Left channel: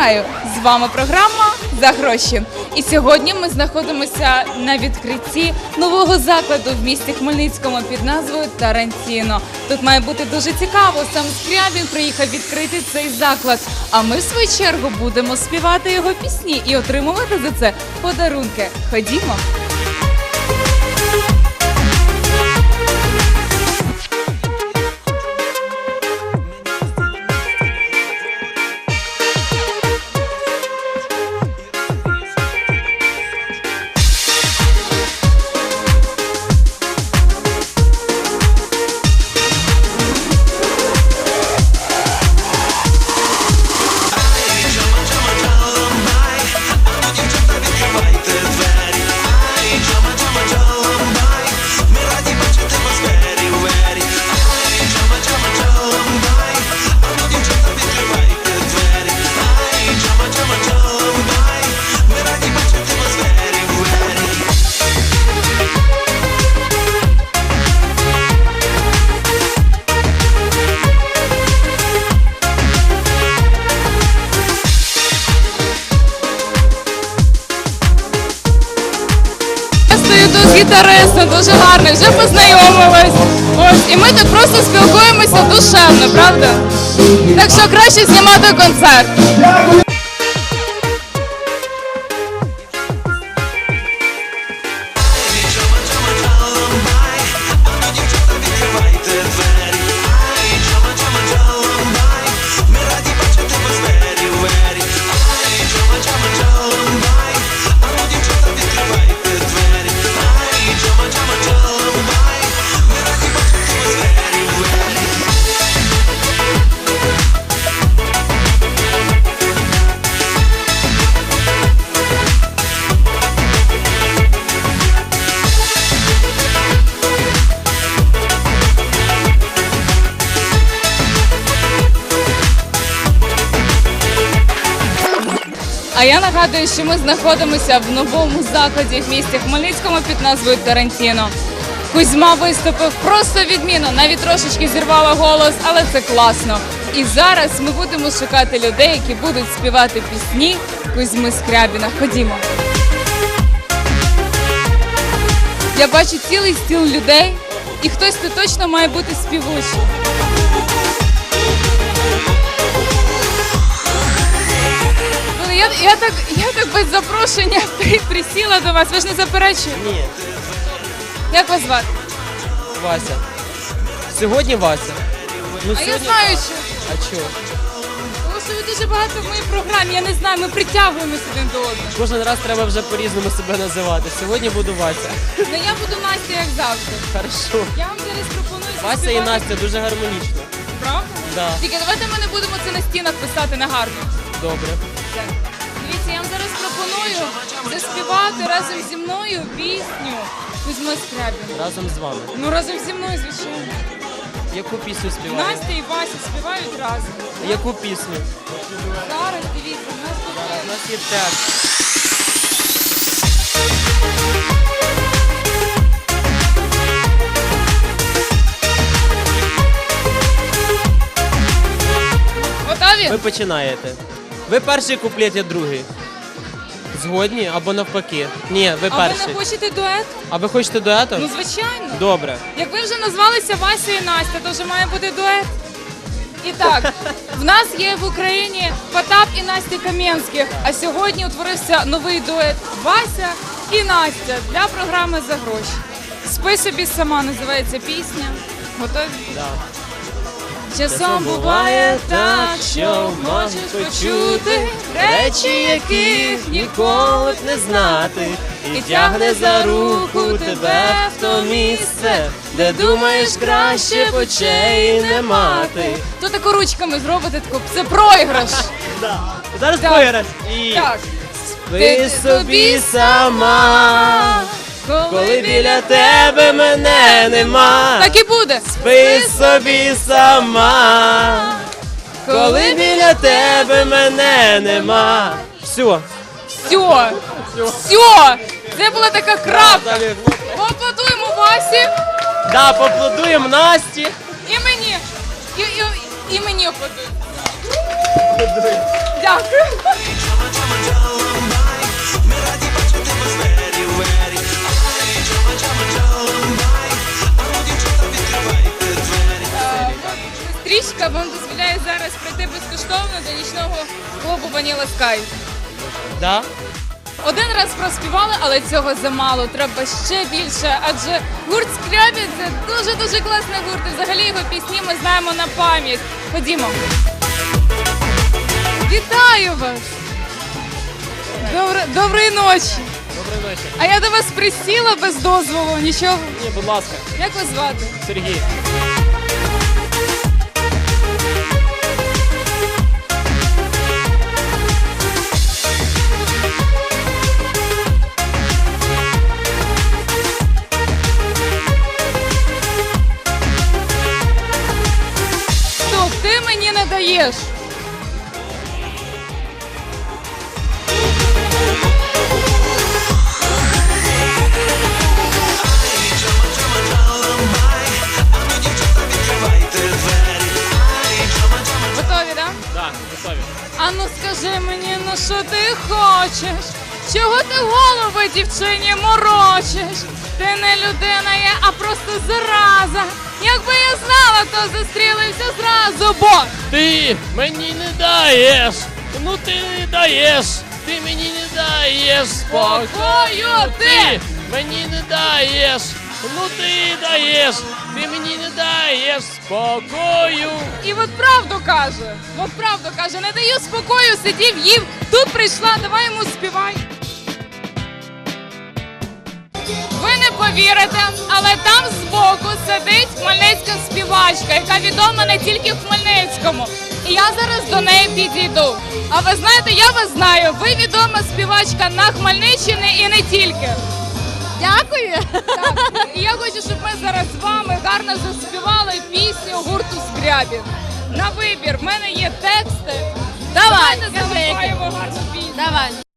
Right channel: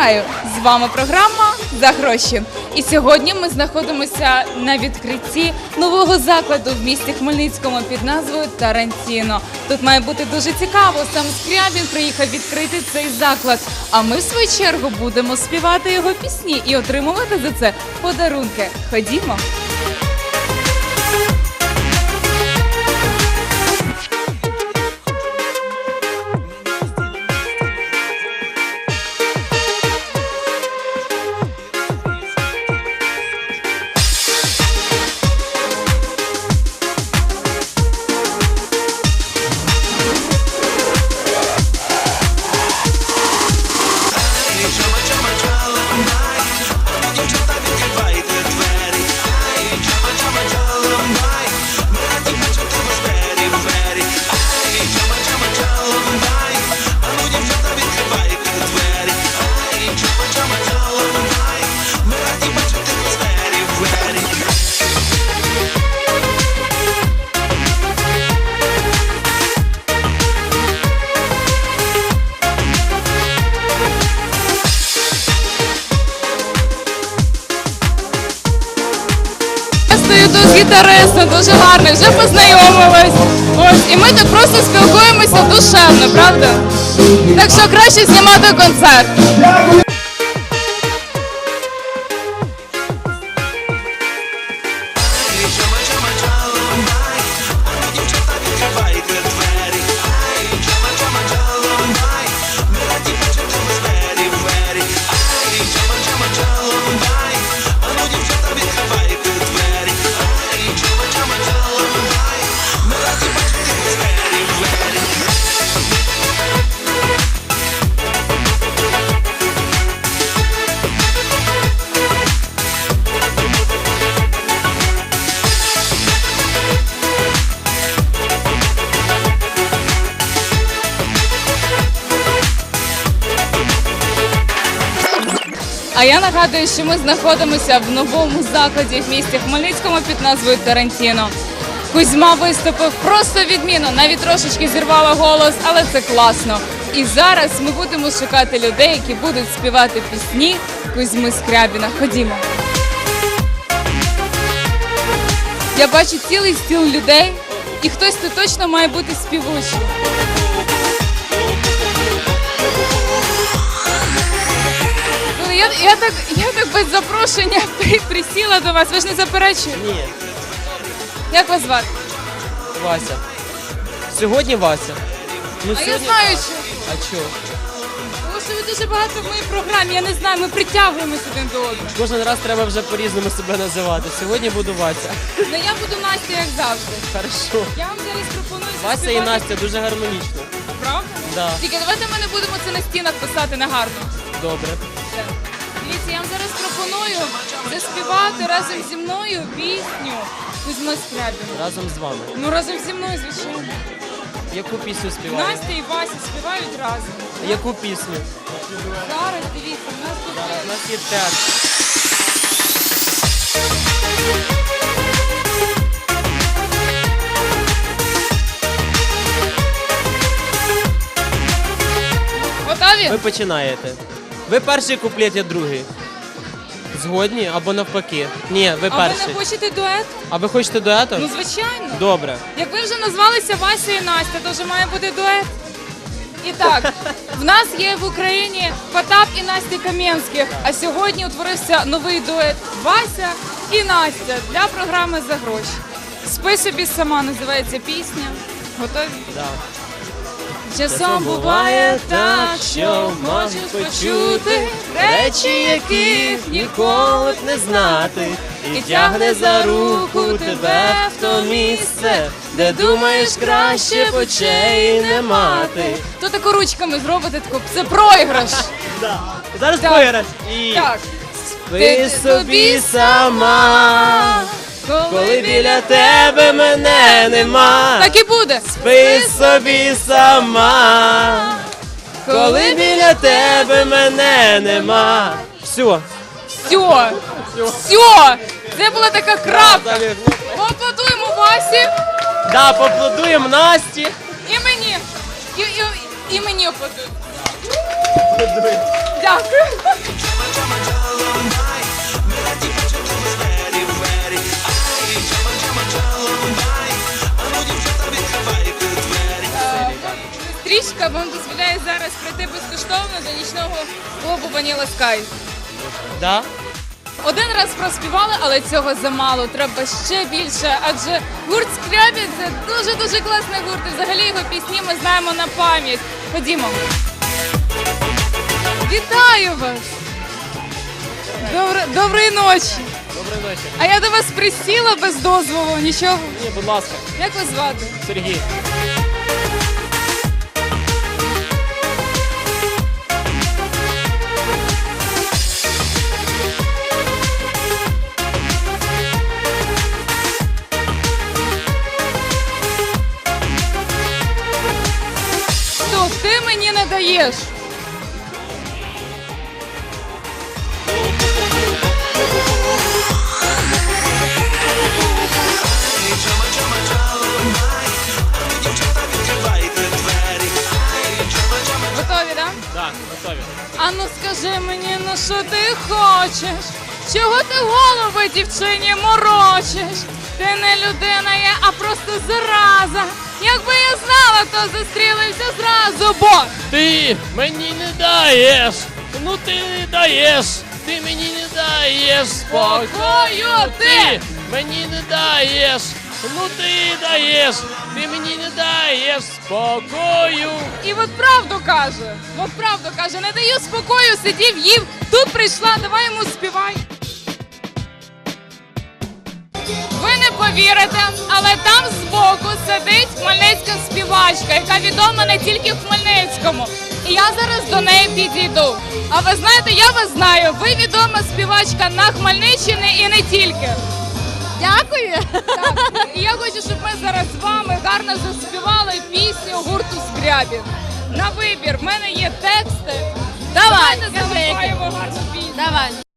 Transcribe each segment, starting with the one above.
Вітаю! З вами програма за гроші. І сьогодні ми знаходимося на відкритті нового закладу в місті Хмельницькому під назвою Тарантіно. Тут має бути дуже цікаво. Сам Скрябін приїхав відкрити цей заклад. А ми в свою чергу будемо співати його пісні і отримувати за це подарунки. Ходімо. Тут з гітаристом, дуже гарний, вже познайомились. Ось, і ми тут просто спілкуємося душевно, правда? Так що краще знімати концерт. А я нагадую, що ми знаходимося в новому закладі в місті Хмельницькому під назвою Тарантіно. Кузьма виступив просто відмінно, навіть трошечки зірвала голос, але це класно. І зараз ми будемо шукати людей, які будуть співати пісні Кузьми Скрябіна. Ходімо. Я бачу цілий стіл людей, і хтось тут точно має бути співучий. Я, так, я так без запрошення при- присіла до вас. Ви ж не заперечуєте? Ні, Як вас звати? Вася. Сьогодні Вася. Ну, А я сьогодні... знаю, що. А чого? Тому що ви дуже багато в моїй програмі. Я не знаю, ми притягуємося один до одного. Кожен раз треба вже по-різному себе називати. Сьогодні буду Вася. Ну я буду Настя, як завжди. Хорошо. Я вам зараз пропоную Вася і заспівати. Настя дуже гармонічно. Правда? Да. Тільки давайте ми не будемо це на стінах писати на гарно. Добре. Все. Дивіться, я вам зараз пропоную заспівати разом зі мною пісню Кузьми Скрябіна. Разом з вами. Ну разом зі мною, звичайно. Яку пісню співаєте? Настя і Вася співають разом. Яку пісню? Зараз дивіться, у нас тут Зараз у є нас є текст. готові? Ви починаєте. Ви перший куплет, я другий. Згодні або навпаки? Ні, ви А ви перший. не хочете дует? А ви хочете дуету? Ну звичайно. Добре. Як ви вже назвалися Вася і Настя, то вже має бути дует. І так, в нас є в Україні Потап і Настя Кам'янських. А сьогодні утворився новий дует Вася і Настя для програми за гроші. Спи собі сама називається пісня. Готові? Да. Часом буває так, що можеш почути речі, яких ніколи б не знати, і тягне за руку тебе в то місце, де думаєш краще б очей не мати. То тако ручками зробите таку, це проіграш. Зараз Так. І Так. спи собі сама, коли біля тебе мене нема. Так і буде. Спи собі сама, коли біля тебе мене нема. Все. Все. Все. Це була така крапка. Поаплодуємо Васі Да, поаплодуємо Насті. і мені. І, і, і мені аплодують. Дякую. Стрічка вам дозволяє зараз прийти безкоштовно до нічного клубу Vanilla Sky. Да? Один раз проспівали, але цього замало. Треба ще більше. Адже гурт Скрябін це дуже дуже класний гурт. І взагалі його пісні ми знаємо на пам'ять. Ходімо. Вітаю вас! Добре, доброї ночі! Доброї ночі. А я до вас присіла без дозволу, нічого. Ні, будь ласка, Як вас звати? Сергій. Готові, так? Так, готові. А ну скажи мені, ну що ти хочеш? Чого ти голови дівчині морочиш? Ти не людина є, а просто зараза. Якби я знала, то зустрілися зразу, бо Ти мені не даєш. Ну ти не даєш. Ти мені не даєш Спокою ти! мені не даєш. Ну ти даєш. Ти мені не даєш спокою. і от правду каже. От правду каже, не даю спокою, сидів, їв. Тут прийшла, давай йому співай. Повірите, але там збоку сидить хмельницька співачка, яка відома не тільки в Хмельницькому. І я зараз до неї підійду. А ви знаєте, я вас знаю. Ви відома співачка на Хмельниччині і не тільки. Дякую. Так. І я хочу, щоб ми зараз з вами гарно заспівали пісню гурту Скрябін. На вибір в мене є тексти. Давай, Давайте заспіваємо гарну пісню. Давай.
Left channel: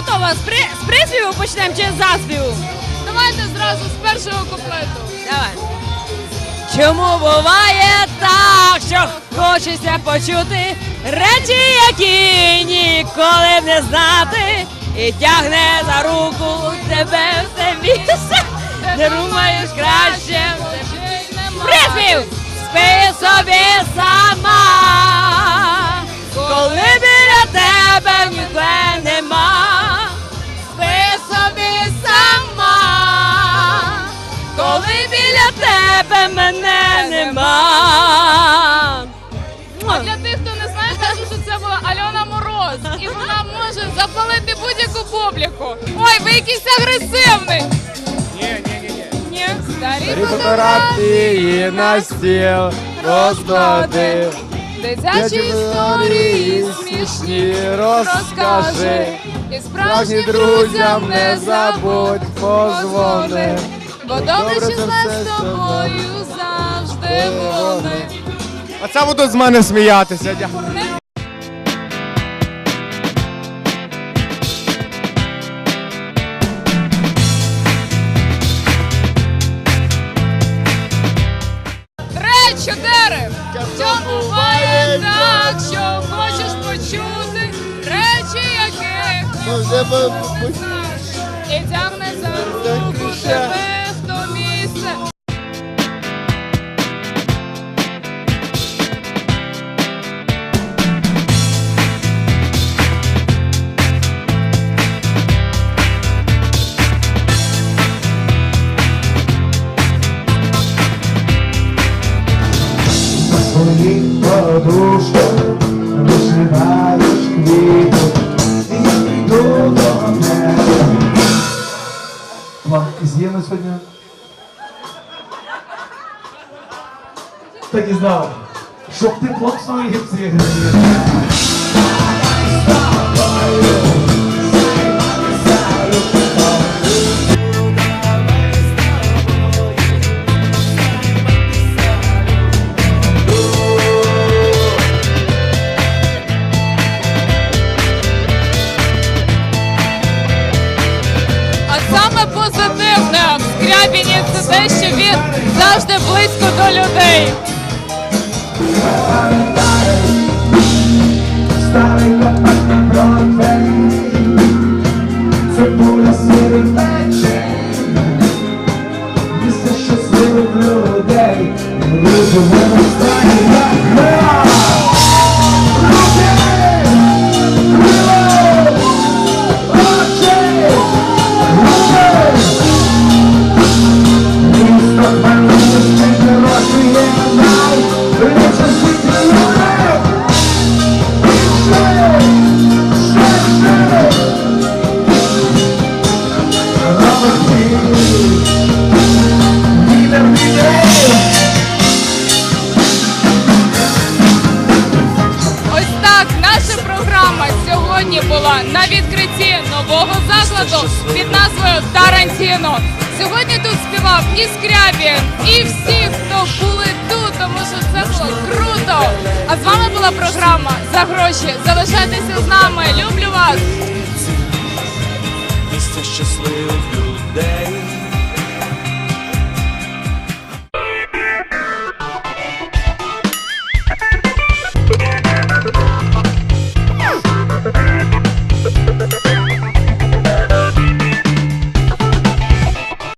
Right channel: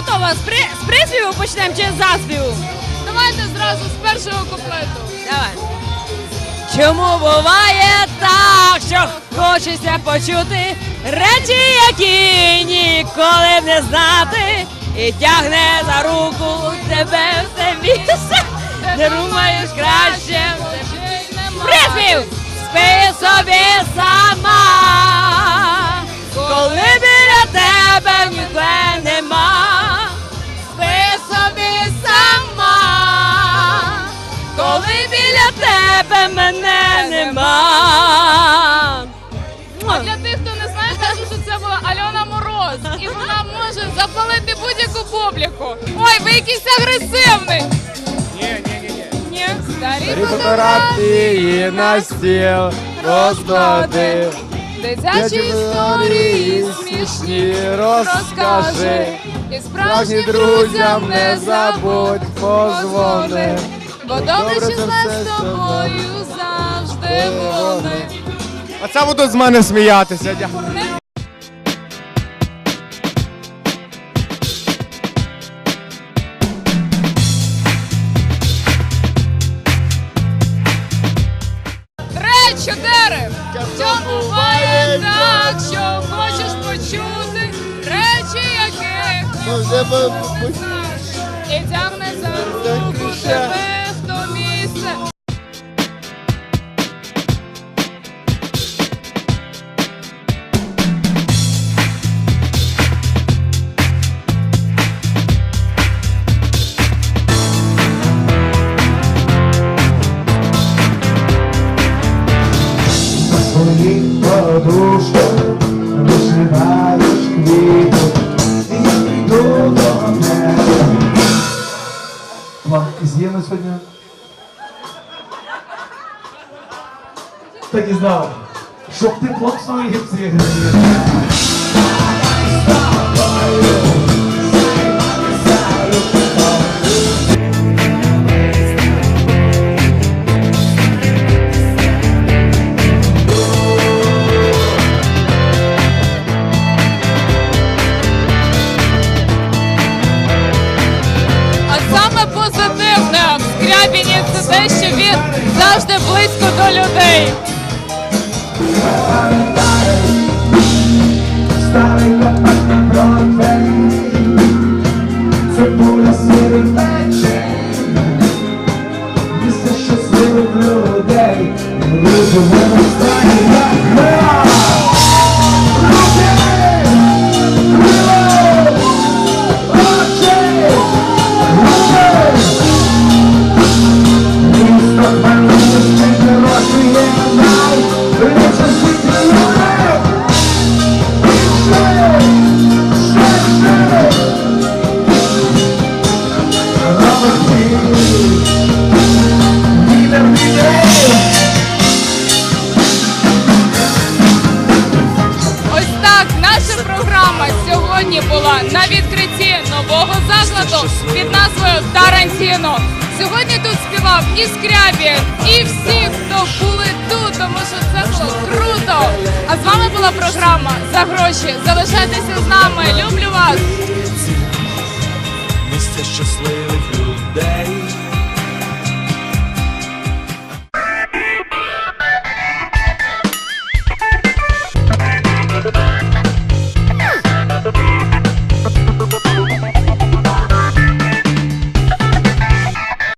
Готова. З, при... з приспіву почнемо чи з заспіву? Давайте зразу з першого куплету. Давай. Чому буває так, що хочеться почути речі, які ніколи не знати, і тягне за руку тебе все більше, не думаєш краще. Приспів! Спи собі сама, мене нема. А для тих, хто не знає, кажу, що це була Альона Мороз. І вона може запалити будь-яку публіку. Ой, ви якийсь агресивний. Ні, ні, ні, ні. Ні, старі фотографії на стіл розклади. Дитячі історії смішні розкажи. І справжнім друзям не забудь позвони. Бо добре, що з тобою завжди вони. Оце будуть з мене сміятися. Дякую. Чотири. Що буває так, що хочеш почути речі, яких вже не знаєш. І тягне за руку тебе своїх подушках вишиваєш квіти і йду до неба. План з'їли сьогодні? Так і знав, щоб тепло в своїх цих близько до людей. Старий Бродвей Цибуля сірий вечір Місце щасливих людей Люди в співав і і всі, хто були тут, тому що це було круто. А з вами була програма за гроші. Залишайтеся з нами. Люблю вас. Місце щасливих.